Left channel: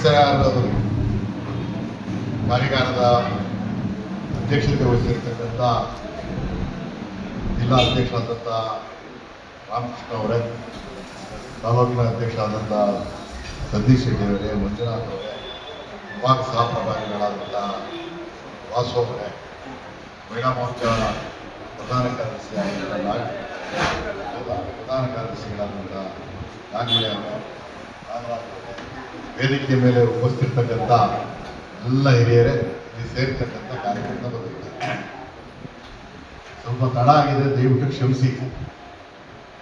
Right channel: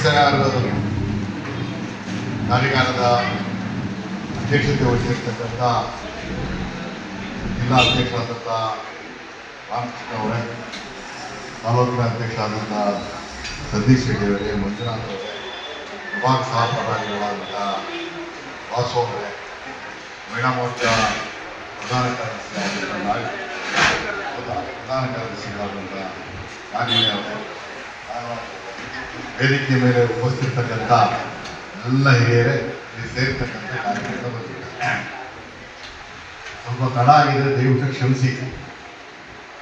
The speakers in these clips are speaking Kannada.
SIR ಕಾರ್ಯಾಗಾರದ ಅಧ್ಯಕ್ಷತೆ ವಹಿಸಿರ್ತಕ್ಕಂಥ ಜಿಲ್ಲಾ ಅಧ್ಯಕ್ಷರಾದಂಥ ರಾಮಕೃಷ್ಣ ಅವರೇ, ತಾಲೂಕಿನ ಅಧ್ಯಕ್ಷರಾದಂಥ ಸತೀಶ್ ರೆಡ್ಡಿ ಅವರೇ, ಮಂಜುನಾಥ್ ಅವರೇ, ವಿಭಾಗ ಸಹ ಪದಾಧಿಕಾರಿಗಳಾದಂಥ ವಾಸು ಅವರೇ, ಮಹಿಳಾ ಮೋರ್ಚಾ ಪ್ರಧಾನ ಕಾರ್ಯದರ್ಶಿಗಳಾದಂಥ ನಾಗಿಣಿ ಅವರೇ, ವೇದಿಕೆ ಮೇಲೆ ಉಪಸ್ಥಿತಕ್ಕಂಥ ಎಲ್ಲ ಹಿರಿಯರೇ, ಇಲ್ಲಿ ಸೇರ್ತಕ್ಕಂಥ ಕಾರ್ಯಕ್ರಮ ಸ್ವಲ್ಪ ತಡ ಆಗಿದೆ, ದಯವಿಟ್ಟು ಕ್ಷಮಿಸಿ.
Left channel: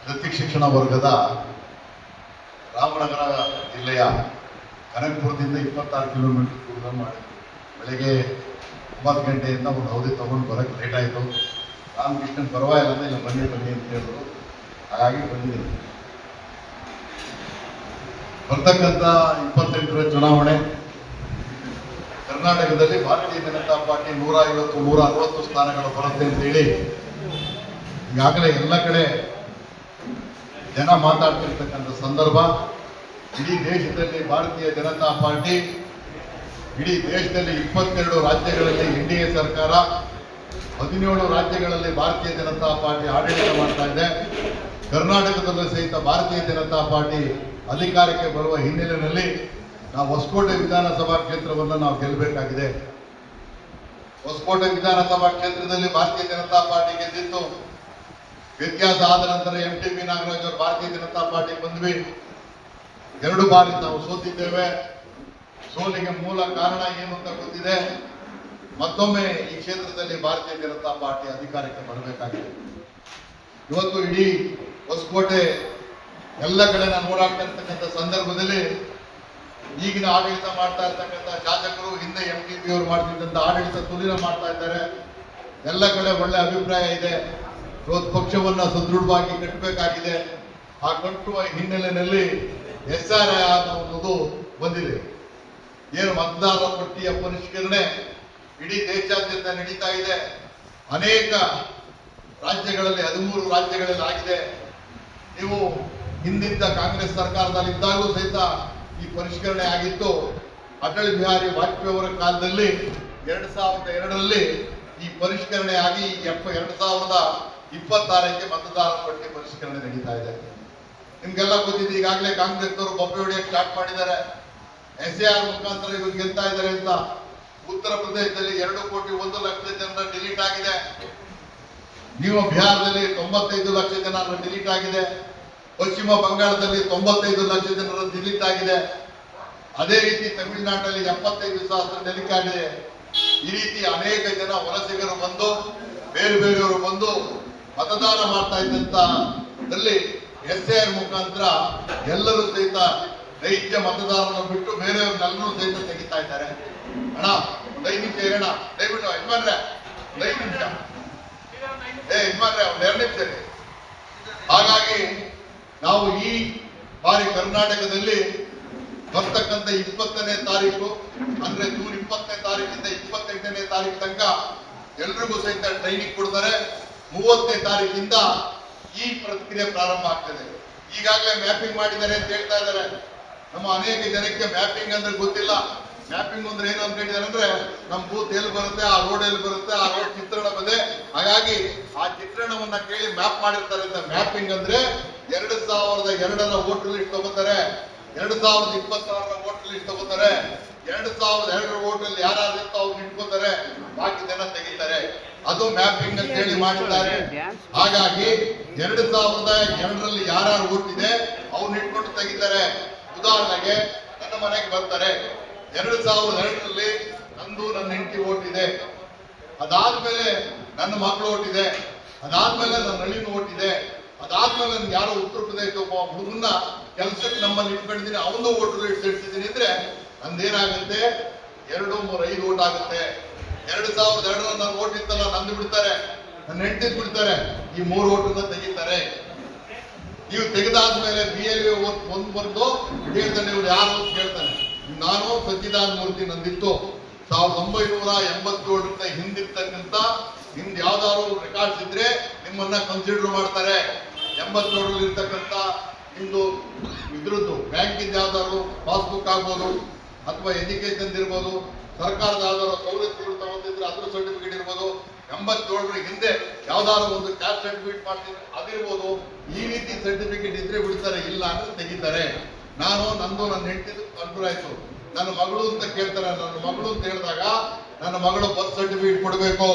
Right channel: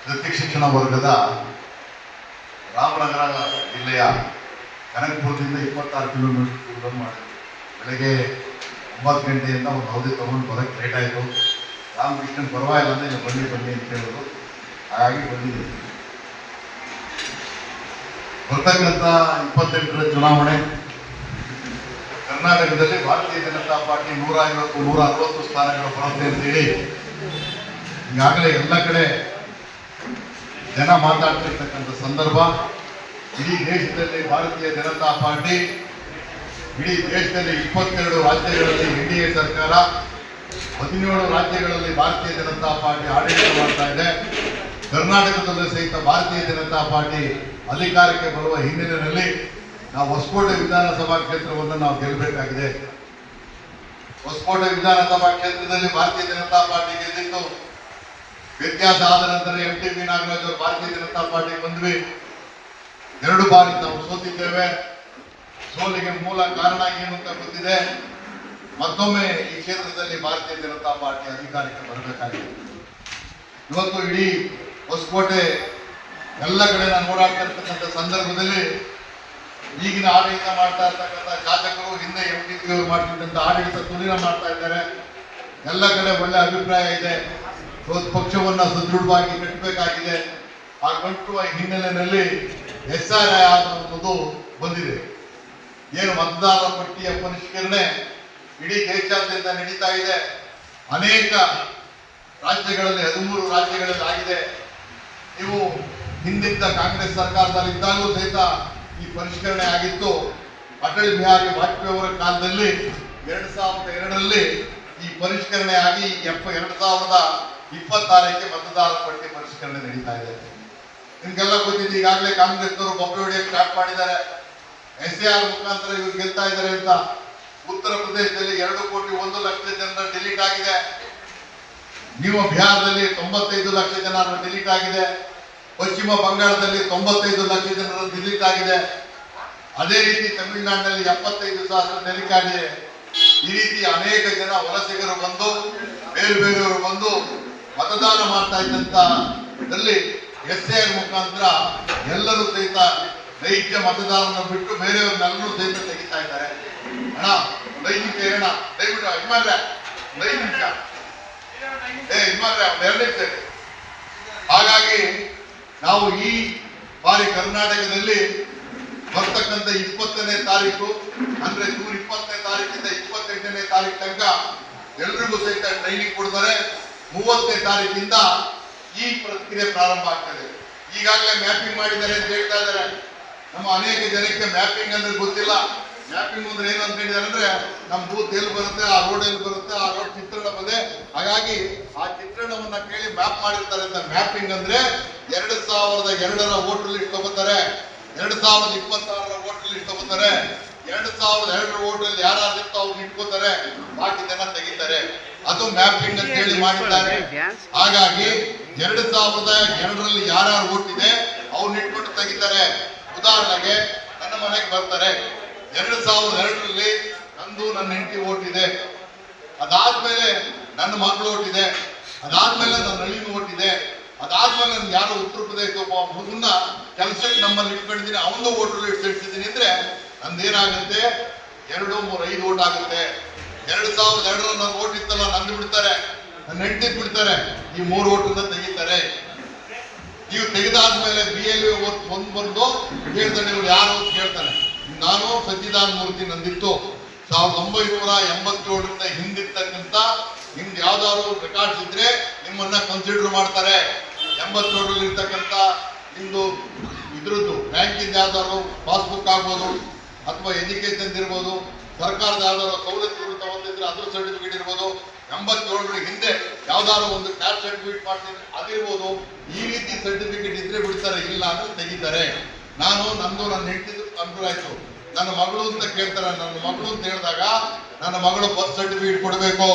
ವೃತ್ತಿ ಶಿಕ್ಷಣ ವರ್ಗದ ರಾಮನಗರ ಜಿಲ್ಲೆಯ ಕನಕಪುರದಿಂದ 26 ಕಿಲೋಮೀಟರ್ ದೂರ ಮಾಡಿದ್ವಿ. ಬೆಳಗ್ಗೆ 9 ಗಂಟೆಯಿಂದ ಒಂದು ಅವಧಿ ತಗೊಂಡು ಬರೋಕ್ಕೆ ಲೇಟ್ ಆಯಿತು. ರಾಮಕೃಷ್ಣನ್ ಪರವಾಗಿಲ್ಲ ಅಂದರೆ ನೀವು ಬನ್ನಿ ಅಂತ ಹೇಳಿದ್ರು, ಹಾಗಾಗಿ ಬಂದಿದ್ದೀವಿ. ಬರ್ತಕ್ಕಂಥ 28ರ ಚುನಾವಣೆ ಕರ್ನಾಟಕದಲ್ಲಿ ಭಾರತೀಯ ಜನತಾ ಪಾರ್ಟಿ 150-160 ಸ್ಥಾನಗಳು ಬರುತ್ತೆ ಅಂತೇಳಿ ಈಗಾಗಲೇ ಎಲ್ಲ ಕಡೆ ಜನ ಮಾತಾಡ್ತಿರ್ತಕ್ಕಂಥ ಸಂದರ್ಭ. ಇಡೀ ದೇಶದಲ್ಲಿ ಭಾರತೀಯ ಜನತಾ ಪಾರ್ಟಿ ಇಡೀ ದೇಶದಲ್ಲಿ 22 ರಾಜ್ಯಗಳಲ್ಲಿ NDA ಸರ್ಕಾರ, 17 ರಾಜ್ಯಗಳಲ್ಲಿ ಭಾರತೀಯ ಜನತಾ ಪಾರ್ಟಿ ಆಡಳಿತ ಮಾಡ್ತಾ ಇದೆ. ಕರ್ನಾಟಕದಲ್ಲೂ ಸಹಿತ ಭಾರತೀಯ ಜನತಾ ಪಾರ್ಟಿ ಅಧಿಕಾರಕ್ಕೆ ಬರುವ ಹಿನ್ನೆಲೆಯಲ್ಲಿ ನಾವು ಹೊಸಕೋಟೆ ವಿಧಾನಸಭಾ ಕ್ಷೇತ್ರವನ್ನು ನಾವು ಗೆಲ್ಲಬೇಕಾಗಿದೆ. ಹೊಸಕೋಟೆ ವಿಧಾನಸಭಾ ಕ್ಷೇತ್ರದಲ್ಲಿ ಭಾರತೀಯ ಜನತಾ ಪಾರ್ಟಿ ಗೆದ್ದಿತ್ತು. ವ್ಯತ್ಯಾಸ ಆದ ನಂತರ MTB ನಾಗರಾಜ್ ಅವರು ಭಾರತೀಯ ಜನತಾ ಪಾರ್ಟಿ ಬಂದ್ವಿ. 2 ಬಾರಿ ನಾವು ಸೋತಿದ್ದೇವೆ. ಸೋಲಿಗೆ ಮೂಲ ಕಾರಣ ಏನು ಅಂತ ಗೊತ್ತಿದೆ. ಮತ್ತೊಮ್ಮೆ ಈ ಕ್ಷೇತ್ರದಲ್ಲಿ ಭಾರತೀಯ ಜನತಾ ಪಾರ್ಟಿ ಅಧಿಕಾರಕ್ಕೆ ಬರಬೇಕಾಗಿದೆ. ಇವತ್ತು ಇಡೀ ಹೊಸಕೋಟೆ ಎಲ್ಲ ಕಡೆ ನಾನು ಓಡಾಡ್ತಾ ಇರ್ತಕ್ಕಂಥ ಸಂದರ್ಭದಲ್ಲಿ ಈಗಿನ ಆಡಳಿತ ಮಾಡ್ತಾ ಇರ್ತಕ್ಕಂಥ ಶಾಸಕರು, ಹಿಂದೆ MTB ಅವರು ಮಾಡ್ತಿದ್ದಂಥ ಆಡಳಿತ ತುಲೀನ ಮಾಡ್ತಾ ಇದ್ದಾರೆ. ಎಲ್ಲ ಕಡೆ ಒಳ್ಳೆ ಅಭಿಪ್ರಾಯ ಇದೆ. ಇವತ್ತು ಪಕ್ಷವನ್ನ ಸದೃಢವಾಗಿ ಕಟ್ಟಬೇಕಾಗಿದೆ. ಆ ಕಟ್ಟುವ ಹಿನ್ನೆಲೆಯಲ್ಲಿ SIR ಅನ್ನೋದು ಬಂದಿದೆ. ಏನು ಮತದಾರರ ಪಟ್ಟಿಯ ಪರಿಷ್ಕರಣೆ ಇಡೀ ದೇಶಾದ್ಯಂತ ನಡೀತಾ ಇದೆ. ಅನೇಕ ರಾಜ್ಯಗಳಲ್ಲಿ 13 ರಾಜ್ಯಗಳಲ್ಲಿ ಆಗಿದೆ. ನೀವು ಹಿಂದಿದ್ದ ಕಾಂಗ್ರೆಸ್ ಸರ್ಕಾರದಲ್ಲಿ ಇದ್ದಾಗಲೂ ಸಹಿತ ಈ ಪರಿಷ್ಕರಣೆ ಆಗಿತ್ತು. ಅಟಲ್ ಬಿಹಾರಿ ವಾಜಪೇಯಿ ಅವರ ಕಾಲದಲ್ಲಿ 2002ರಲ್ಲಿ ಈ ಪರಿಷ್ಕರಣೆ ಆಗಿ 2026ಕ್ಕೆ ಮತದಾರರ ಪಟ್ಟಿ ಪರಿಷ್ಕರಣೆ ನಡೀತಾ ಇದೆ. ನಿಮ್ಗೆಲ್ಲ ಗೊತ್ತಿದೆ. ಈಗಾಗಲೇ ಕಾಂಗ್ರೆಸ್ನವರು ಬೊಬ್ಬೆ ಹೊಡೆಯಕ್ಕೆ ಸ್ಟಾರ್ಟ್ ಮಾಡಿದ್ದಾರೆ. SIR ಮುಖಾಂತರ ಇವ್ರು ಗೆಲ್ತಾ ಇದ್ದಾರೆ ಅಂತ. ಉತ್ತರ ಪ್ರದೇಶದಲ್ಲಿ 2,01,00,000 ಜನರ ಡಿಲೀಟ್ ಆಗಿದೆ. ನೀವು ಬಿಹಾರದಲ್ಲಿ 95 ಲಕ್ಷ ಜನರ ಡಿಲೀಟ್ ಆಗಿದೆ. ಪಶ್ಚಿಮ ಬಂಗಾಳದಲ್ಲಿ 95 ಲಕ್ಷ ಜನರ ಡಿಲೀಟ್ ಆಗಿದೆ. ಅದೇ ರೀತಿ ತಮಿಳುನಾಡಿನಲ್ಲಿ 75,000 ಡಿಲೀಟ್ ಆಗಿದೆ. ಈ ರೀತಿ ಅನೇಕ ಜನ ವಲಸಿಗರು ಬಂದು, ಬೇರೆಯವರು ಬಂದು ಮತದಾನ ಮಾಡ್ತಾ ಇದ್ದಂತದಲ್ಲಿ SIR ಮುಖಾಂತರ ಎಲ್ಲರೂ ಸಹಿತ ನೈಜ ಮತದಾರನ ಬಿಟ್ಟು ಬೇರೆಯವ್ರನ್ನೆಲ್ಲರೂ ಸಹಿತ ತೆಗಿತಾ ಇದ್ದಾರೆ. ಅಣ್ಣ 5 ನಿಮಿಷ ಇರೋಣ, ದಯವಿಟ್ಟು ಇಮ್ಮಾನ್ರೆ 5 ನಿಮಿಷ, ಇಮ್ಮಾನ್ರೆ 2 ನಿಮಿಷ. ಹಾಗಾಗಿ ನಾವು ಈ ಬಾರಿ ಕರ್ನಾಟಕದಲ್ಲಿ ಬರ್ತಕ್ಕಂಥ 20ನೇ ತಾರೀಕು ಅಂದ್ರೆ ಜೂನ್ 20ನೇ ತಾರೀಕಿಂದ 28ನೇ ತಾರೀಕು ತನಕ ಎಲ್ರಿಗೂ ಸಹಿತ ಟ್ರೈನಿಂಗ್ ಕೊಡ್ತಾರೆ. 30ನೇ ತಾರೀಕಿಂದ ಈ ಪ್ರಕ್ರಿಯೆ ಪ್ರಾರಂಭ ಆಗ್ತದೆ. ಈಗಾಗಲೇ ಮ್ಯಾಪಿಂಗ್ ಮಾಡಿದ್ದಾರೆ ಅಂತ ಹೇಳ್ತಾ ಇದ್ದಾರೆ. ನಮ್ಮ ಅನೇಕ ಜನಕ್ಕೆ ಮ್ಯಾಪಿಂಗ್ ಅಂದ್ರೆ ಗೊತ್ತಿಲ್ಲ. ಮ್ಯಾಪಿಂಗ್ ಅಂದ್ರೆ ಏನು ಅಂತ ಹೇಳಿದಾರೆ ಅಂದ್ರೆ ನಮ್ಮ ಬೂತ್ ಎಲ್ಲಿ ಬರುತ್ತೆ, ಆ ರೋಡ್ ಎಲ್ಲಿ ಬರುತ್ತೆ, ಆ ರೋಡ್ ಚಿತ್ರಣ ಬಂದೆ. ಹಾಗಾಗಿ ಆ ಚಿತ್ರಣವನ್ನ ಕೇಳಿ ಮ್ಯಾಪ್ ಮಾಡಿರ್ತಾರೆ ಅಂತ. ಮ್ಯಾಪಿಂಗ್ ಅಂದ್ರೆ 2002ರ ವೋಟರ್ ಲಿಸ್ಟ್ ತಗೋತಾರೆ, 2026ರ ವೋಟರ್ ಲಿಸ್ಟ್ ತಗೋತಾರೆ, 2002ರ ವೋಟಲ್ಲಿ ಯಾರು ಇರ್ತೋ ಅವ್ರು ಇಟ್ಕೋತಾರೆ, ಬಾಕಿ ಜನ ತೆಗಿತಾರೆ. ಅದು ಮ್ಯಾಪಿಂಗ್ ಅಂತ ಹೇಳಿ ಮಾಡಿದ್ದಾರೆ. ಹಾಗಾಗಿ 2002ರಲ್ಲಿ ಯಾರ್ಯಾರು ವೋಟ್ ಇದೆ ಅವ್ರನ್ನ ಇಟ್ಕೊಂಡು ತೆಗಿತಾರೆ. ಉದಾಹರಣೆಗೆ ನನ್ನ ಮನೆಗೆ ಬರ್ತಾರೆ, 2002ರಲ್ಲಿ ನಂದು ನನ್ನ ಹೆಂಡತಿ ವೋಟ್ ಇದೆ, ಅದಾದ್ಮೇಲೆ ನನ್ನ ಮಗಳು ವೋಟ್ ಇದೆ, ಅದಾದ್ಮೇಲೆ ನನ್ನ ಹಳ್ಳಿನ ವೋಟ್ ಇದೆ, ಅದಾದ್ಮೇಲೆ ನನ್ಗೆ ಯಾರೋ ಉತ್ತರ ಪ್ರದೇಶ ಒಬ್ಬ ಹುಡುಗನ್ನ ಕೆಲಸಕ್ಕೆ ನಮ್ಮಲ್ಲಿ ಇಟ್ಕೊಂಡಿದ್ದೀನಿ, ಅವನು ವೋಟ್ ಇಡ್ಸಿದ್ದೀನಿ ಅಂದ್ರೆ ನಂದೇನಾಗುತ್ತೆ 2, 3, 5 ವೋಟ್ ಆಗುತ್ತೆ. 2002ರ ನನ್ನ ವೋಟ್ ಇತ್ತಲ್ಲ ನಂದು ಬಿಡ್ತಾರೆ, ನನ್ನ ಹೆಂಡತಿ ಬಿಡ್ತಾರೆ, ಈ 3 ವೋಟನ್ನ ತೆಗಿತಾರೆ. ನೀವು ತೆಗೆದಾದ್ಮೇಲೆ BLO ಒಂದು ಬಂದು ಕೇಳ್ತಾನೆ, ಇವ್ರು ಯಾರು ಅಂತ ಕೇಳ್ತಾನೆ. ನಾನು ಸಚ್ಚಿದಾನಂದ ಮೂರ್ತಿ, ನಂದಿತ್ತು 1987ರಿಂದ ಹಿಂದಿರ್ತಕ್ಕಂಥ ನಿಮ್ದು ಯಾವ್ದಾದ್ರು ರೆಕಾರ್ಡ್ಸ್ ಇದ್ರೆ ನಿಮ್ಮನ್ನ ಕನ್ಸಿಡರ್ ಮಾಡ್ತಾರೆ. 87ರಲ್ಲಿ ಇರ್ತಕ್ಕಂಥ ನಿಮ್ದು ಇದ್ರದ್ದು ಬ್ಯಾಂಕಿಂದ ಯಾವ್ದಾದ್ರು ಪಾಸ್ಬುಕ್ ಆಗ್ಬೋದು, ಅಥವಾ ಎಜುಕೇಶನ್ ಇರ್ಬೋದು, ಸರ್ಕಾರದ ಯಾವ್ದಾದ್ರು ಸವಲತ್ತುಗಳು ತಗೊಂಡಿದ್ರೆ ಅದ್ರ ಸರ್ಟಿಫಿಕೇಟ್ ಇರ್ಬೋದು, 87 ಹಿಂದೆ ಯಾವ್ದಾದ್ರು ಒಂದು ಕ್ಯಾಸ್ಟ್ ಸರ್ಟಿಫಿಕೇಟ್ ಮಾಡ್ತೀನಿ ಅದಿರ್ಬೋದು. ಈ ರೀತಿ ಸರ್ಟಿಫಿಕೇಟ್ ಇದ್ರೆ ಬಿಡ್ತಾರೆ, ಇಲ್ಲ ಅಂದ್ರೆ ತೆಗಿತಾರೆ. ನನ್ನ ಹೆಂಡತಿದು ಅನುಕೂಲ ಆಯ್ತು. ನನ್ನ ಮಗಳು ಅಂತ ಕೇಳ್ತಾರೆ, ನನ್ನ ಮಗಳು ಅಂತ ಹೇಳಿದಾಗ ನನ್ನ ಮಗಳು ಬರ್ತ್ ಸರ್ಟಿಫಿಕೇಟ್ ಕೊಡಬೇಕು,